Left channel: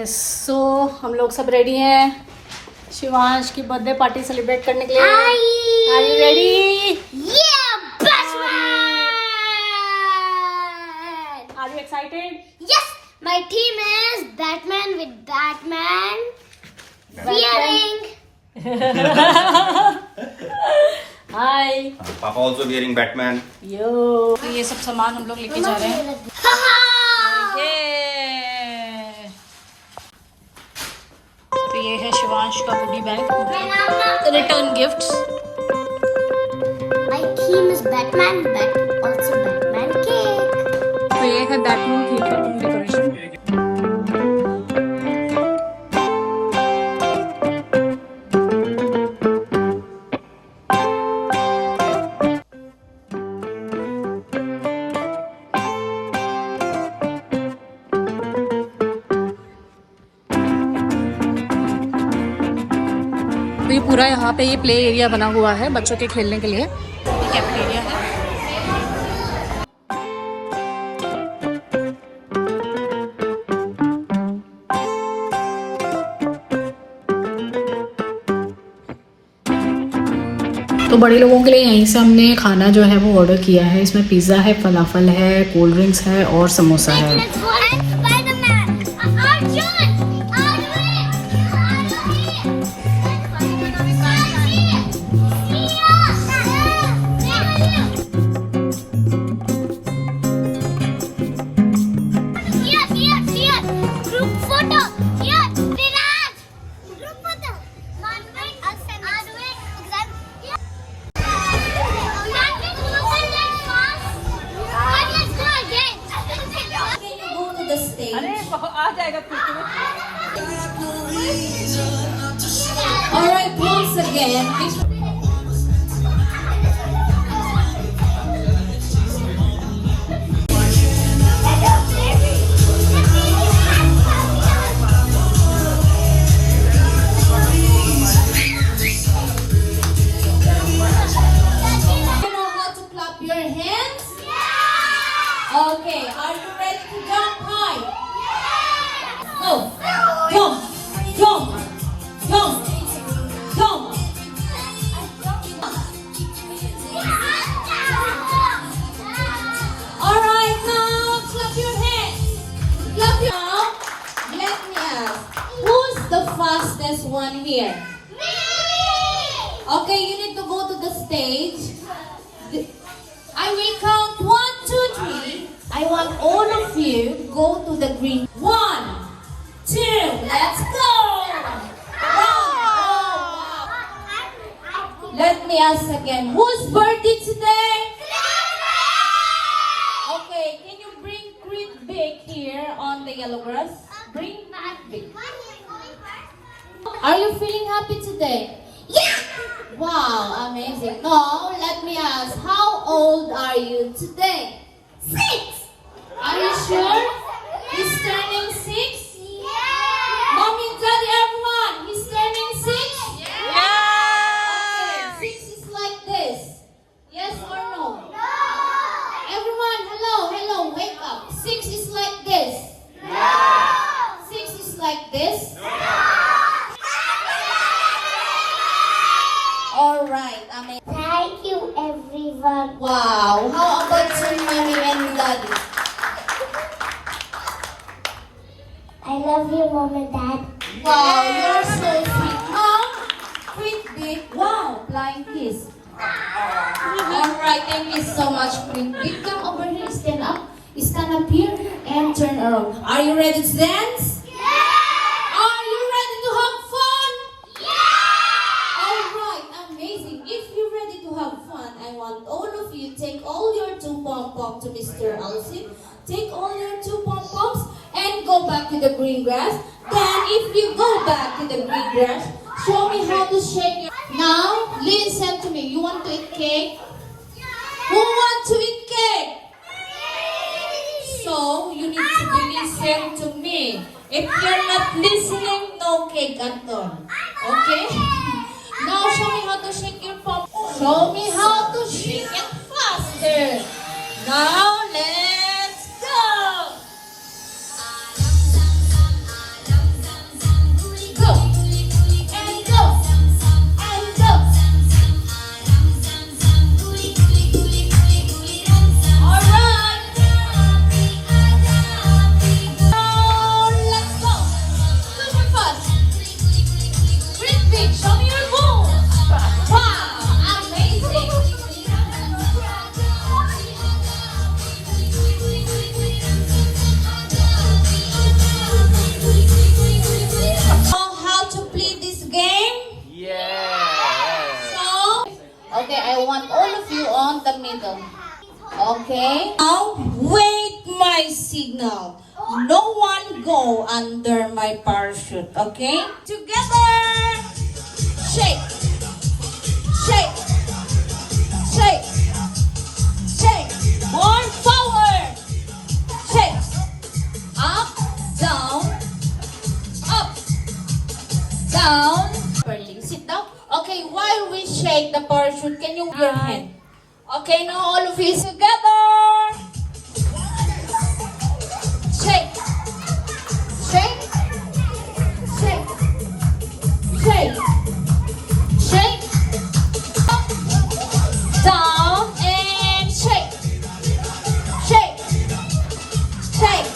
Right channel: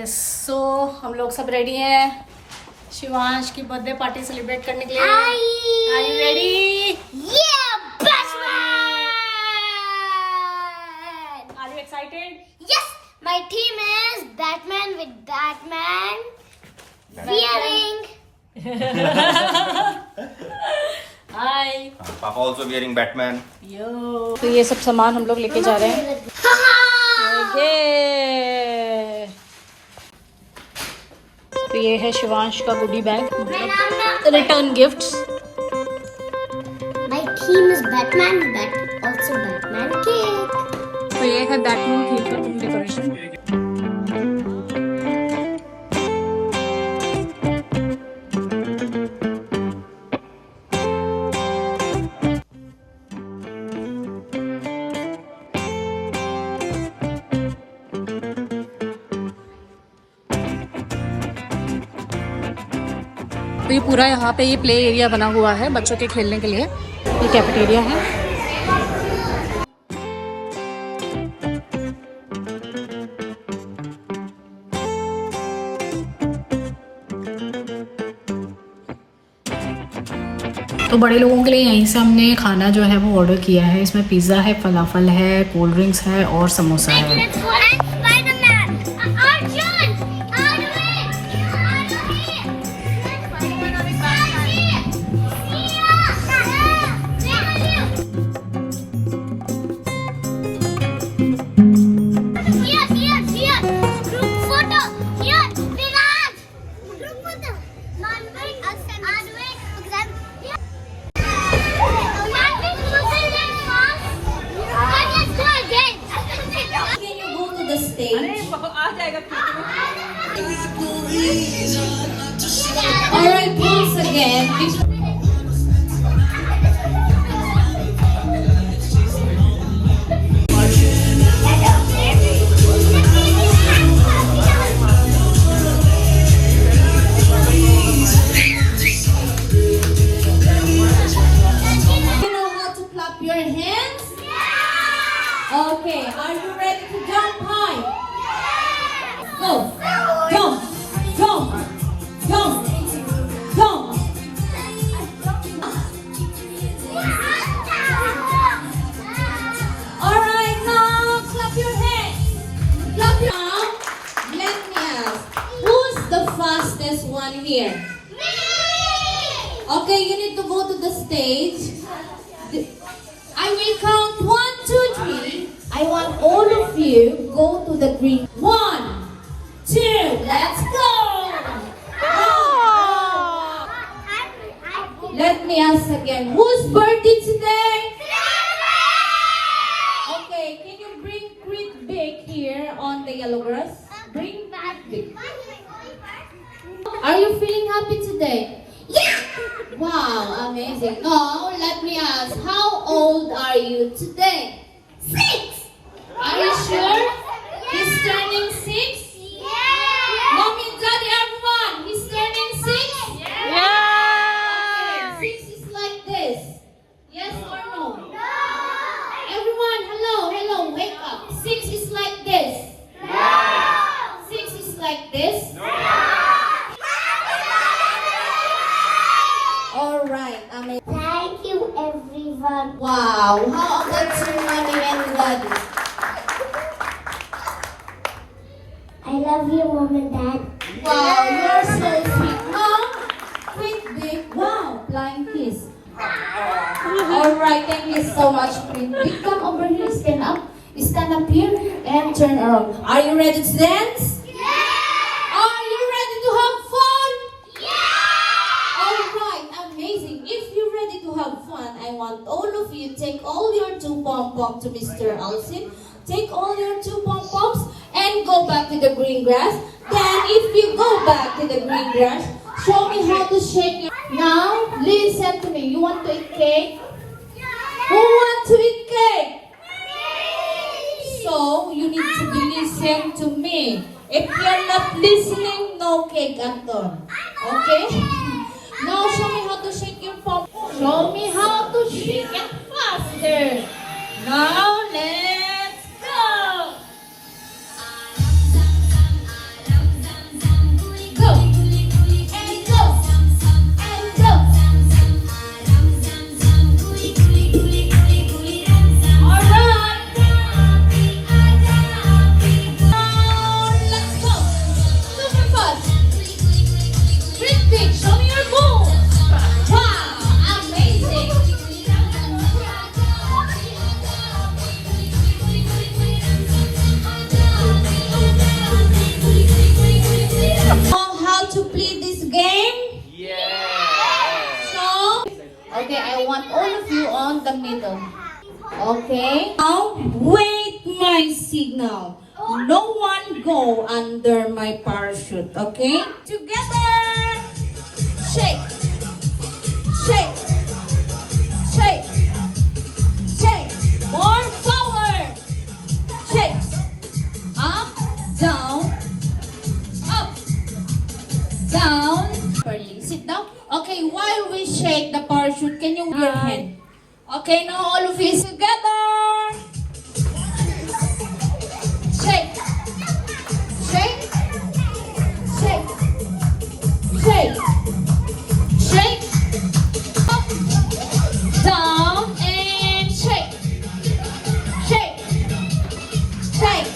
Yes so हम लोग सब रेडी हैं शिवांश की बर्थडे पार्टी सेलिब्रेट करने के लिए। Are you ready? Are you excited? Yes, my team is Batman with Batman. Wearing. हाय पापा also wearing Batman. यो। तो ये सब सामान हम लोग लेके जा रहे हैं। ये तो ये है शिवांश का goodie bag, return gifts. My theme is Batman, but also Batman cake. तो ये है बैटमैन थीम का डेकोरेशन। तो ये पूरा यहाँ पे ये प्ले एरिया बना हुआ है बच्चों के खेलने के लिए। ये कैफेटेरिया है। तो बड़े लोगों के लिए यहीं से हमने खाना जो है वो ऑर्डर किया है। इसमें पिज़्ज़ा है, फलाफल है, कोल्ड ड्रिंक्स है और समोसा है। Spider-Man. Arjun. Alright, pose again. You know how to clap your hands? Okay, are you ready to jump high? Go! Jump! Jump! Jump! Jump! Alright, now clap your hands. Clap your hands. Let me ask, who's the fastest one here? Okay, you need to go to the stage. I will count 1, 2, 3. I want all of you go to the green. 1, 2, let's go! Let me ask again, whose birthday today? Okay, can you bring Creed Big here on the yellow grass? Bring Big. Are you feeling happy today? Yeah! Wow, amazing. Now, let me ask, how old are you today? 6. Are you sure? He's turning 6? Mommy, Daddy, everyone, he's turning 6? Yeah! 6 is like this. Yes or no? Everyone, hello, wake up. 6 is like this. 6 is like this. Alright, I mean, Thank you, everyone. wow. How about your mommy and daddy? I love you, Mom and Dad. Wow, you're so sweet. Mom, Creed Big. Wow, flying kiss. Alright, thank you so much, Creed Big. Come over here, stand up. Stand up here and turn around. Are you ready to dance? Are you ready to have fun? Alright, amazing. If you're ready to have fun, I want all of you take all your 2 pom-poms to Mr. Alcin. Take all your 2 pom-poms and go back to the green grass. Then if you go back to the green grass, show me how to shake your... Now, listen to me. You want to eat cake? Who wants to eat cake? So, you need to be listening to me. If you're not listening, no cake at all. Okay? Now, show me how to shake your pom. Show me how to shake it faster. Now, let's go! ready, I want all of you on the middle. Okay? Now, wait my signal. No one go under my parachute, okay? Together! Shake! Shake! Shake! Shake! More forward! Shake! Up, down, up, down. Sit down. Okay, while we shake the parachute, can you give your hand? Okay, now all of you together. Shake. Shake. Shake. Shake. Shake. Up, down, and shake. Shake. Shake.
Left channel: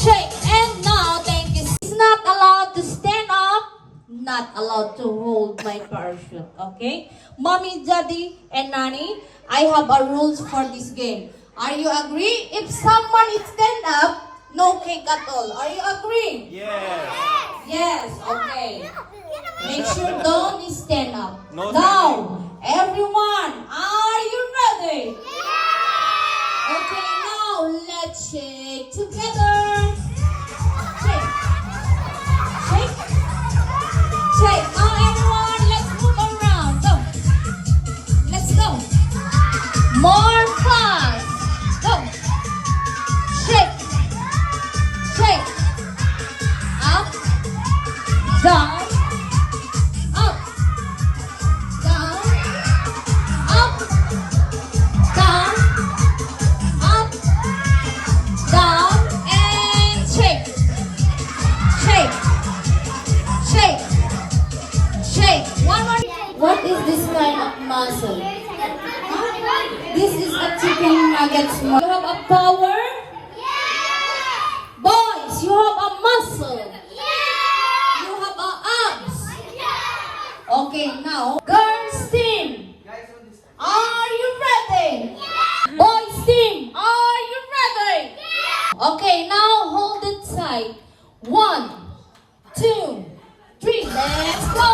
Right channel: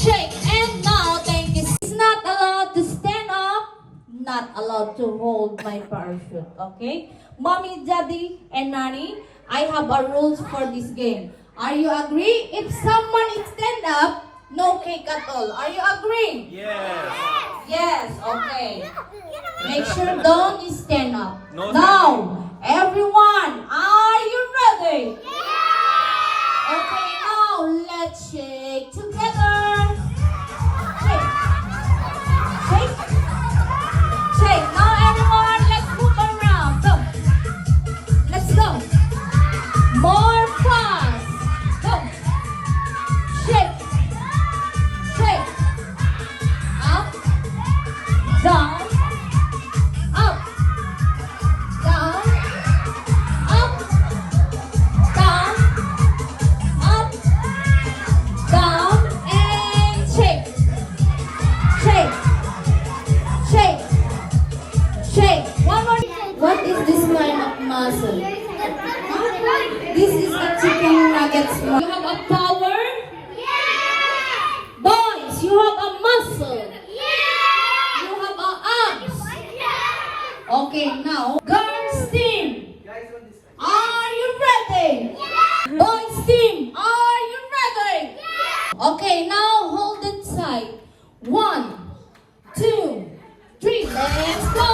Shake. And now, thank you. It's not allowed to stand up, not allowed to hold my parachute, okay? Mommy, Daddy, and Nani, I have a rules for this game. Are you agree? If someone is stand up, no cake at all. Are you agree? Yes. Yes, okay. Make sure don't stand up. No Now, everyone, are you ready? Okay, now let's shake together. Shake. Shake. Shake. Now everyone, let's move around. Go. Let's go. More fast. Go. Shake. Shake. Up. Down. Up. Down. Up. Down. Up. Down. And shake. Shake. Shake. Shake. One more. What is this kind of muscle? This is a chicken nuggets. You have a power? Boys, you have a muscle. You have a abs. Okay, now, girls team. Are you ready? Boys team, are you ready? Okay, now hold it tight. 1, 2, 3. Let's go.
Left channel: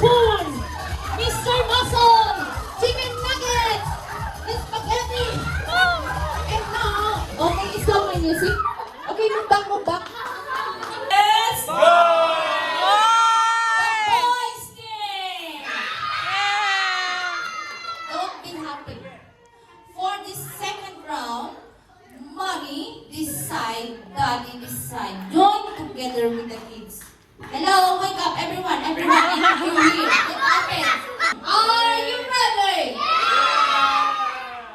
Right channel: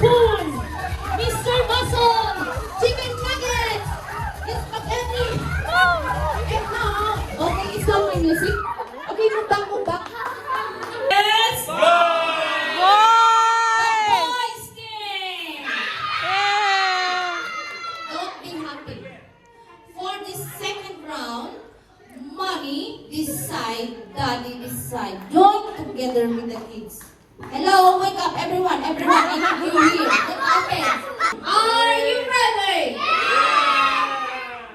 Boom. Mr. Muscle. Chicken nuggets. Let's spaghetti. And now, okay, stop my music. Okay, move back, move back. Yes. The boys team. Don't be happy. For the second round, mommy this side, daddy this side. Join together with the kids. Hello, wake up everyone, everyone, I have you here. Okay. Are you ready?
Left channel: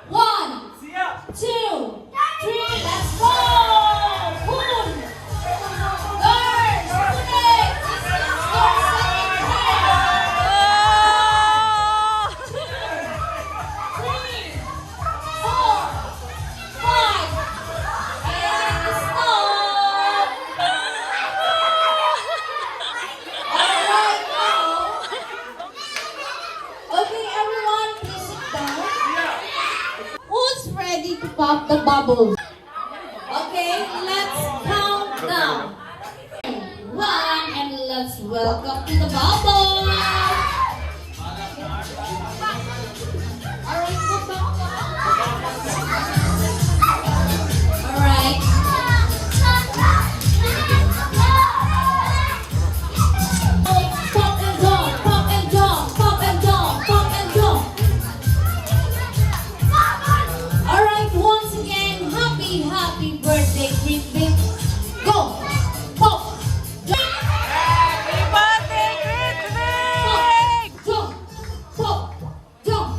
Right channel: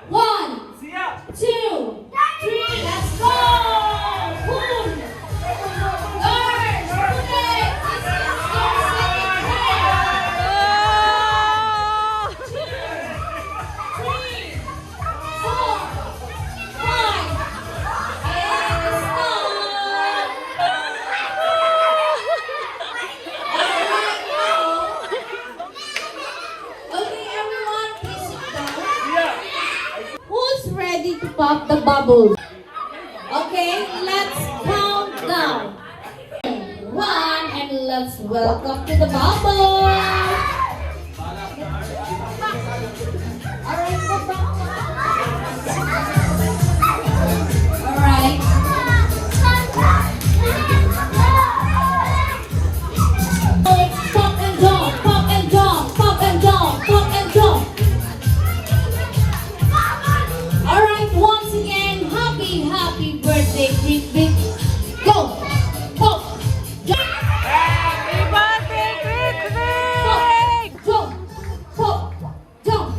1, 2, 3, let's go! Boom! Girls, put it! This is your second round. 2, 3, 4, 5, and stop! Alright, now. Okay, everyone, please sit down. Who's ready to pop the bubbles? Okay, let's count down. 1, and let's welcome to the bubble. Alright, go back. Alright. Pop and jump, pop and jump, pop and jump, pop and jump. Alright, once again, happy birthday, big big. Go, pop, jump. Pop, jump, pop, jump.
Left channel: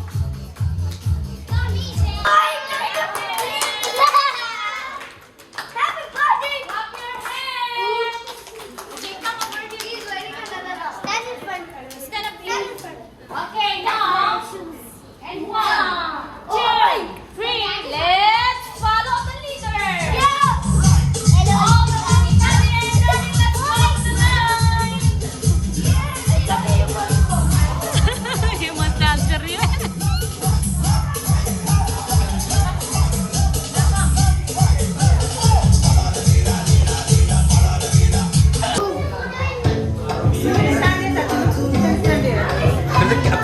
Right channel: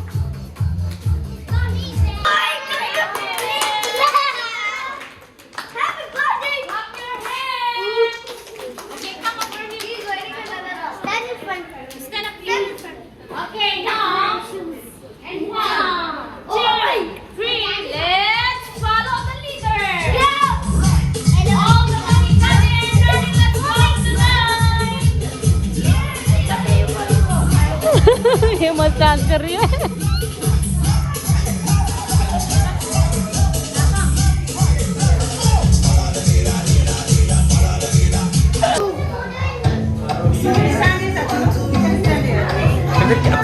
Okay, now, and 1, 2, 3, let's follow the leader. All the money, daddy, and daddy, let's follow tonight. Yung mas dancer yun.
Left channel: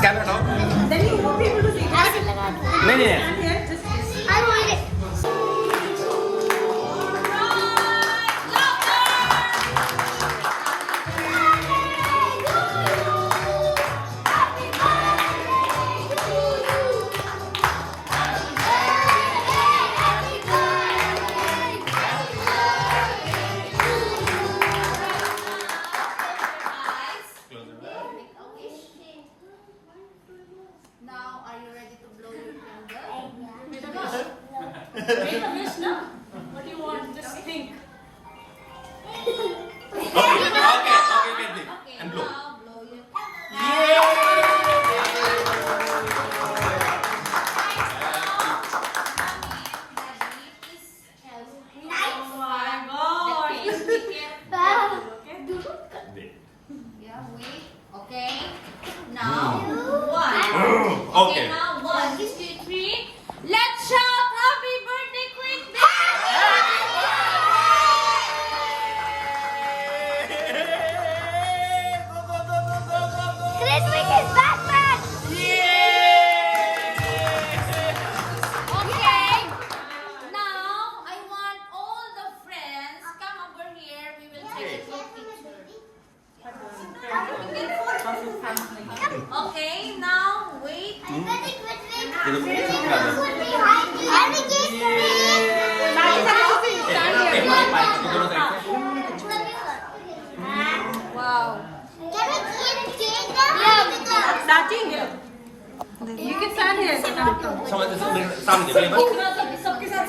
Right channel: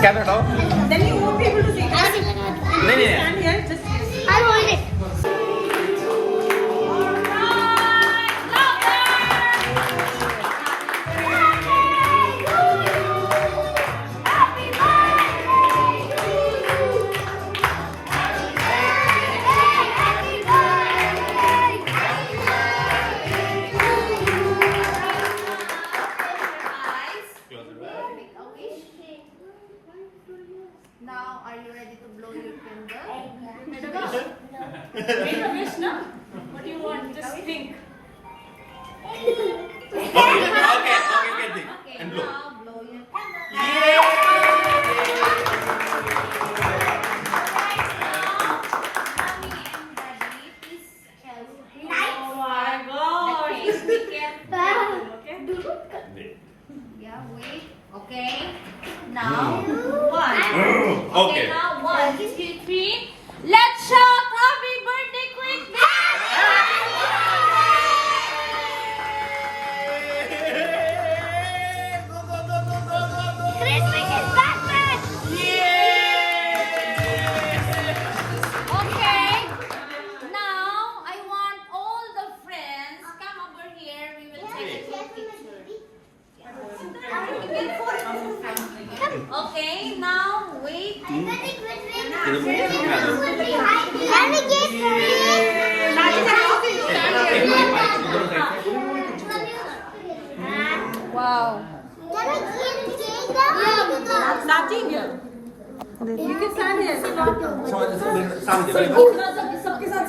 Camera down. Now, are you ready to blow your candle? Make a wish now. What do you want? Just think. Okay, think. Okay, And blow. now blow your candle. Okay. Now, one. Okay. Now, 1, 2, 3. Let's shout happy birthday, Queen Christmas is Batman! Okay. Now, I want all the friends come over here. We will take a group picture. Okay, now wait. I'm gonna quit with Ido mo ito na. Have a gift for me! Wow. Can I get a cake? You can stand here. सबके साथ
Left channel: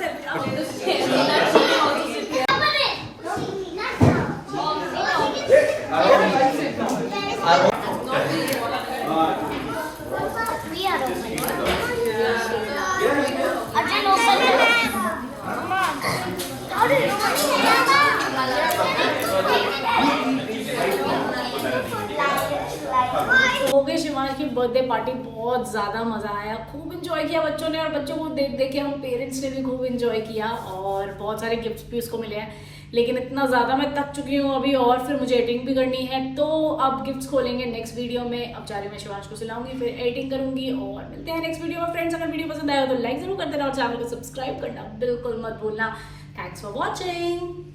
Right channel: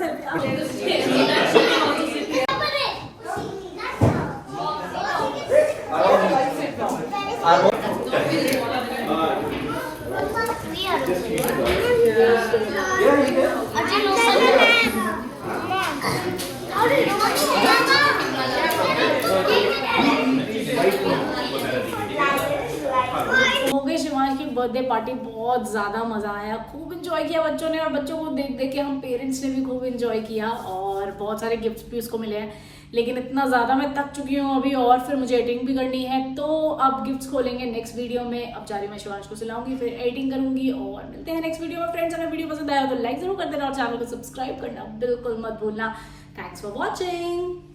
हो गई शिवांश की birthday party. बहुत ज़्यादा मज़ा आया, खूब इंजॉय किया बच्चों ने, और बच्चों को देख देख के हम पेरेंट्स ने भी खूब इंजॉय किया, और बहुत सारे गिफ्ट्स भी उसको मिले हैं। लेकिन इतना ज़्यादा मैं थक चुकी हूँ अभी, और फिर मुझे एडिटिंग भी करनी है, तो अब गिफ्ट्स खोलेंगे नेक्स्ट वीडियो में। अब जा रही मैं शिवांश को सिलाऊंगी, फिर एडिटिंग करूंगी, और मिलते हैं नेक्स्ट वीडियो में। फ्रेंड्स, अगर वीडियो पसंद आया हो तो लाइक जरूर कर देना, और चैनल को सब्सक्राइब करना बिल्कुल मत भूलना। Thanks for watching.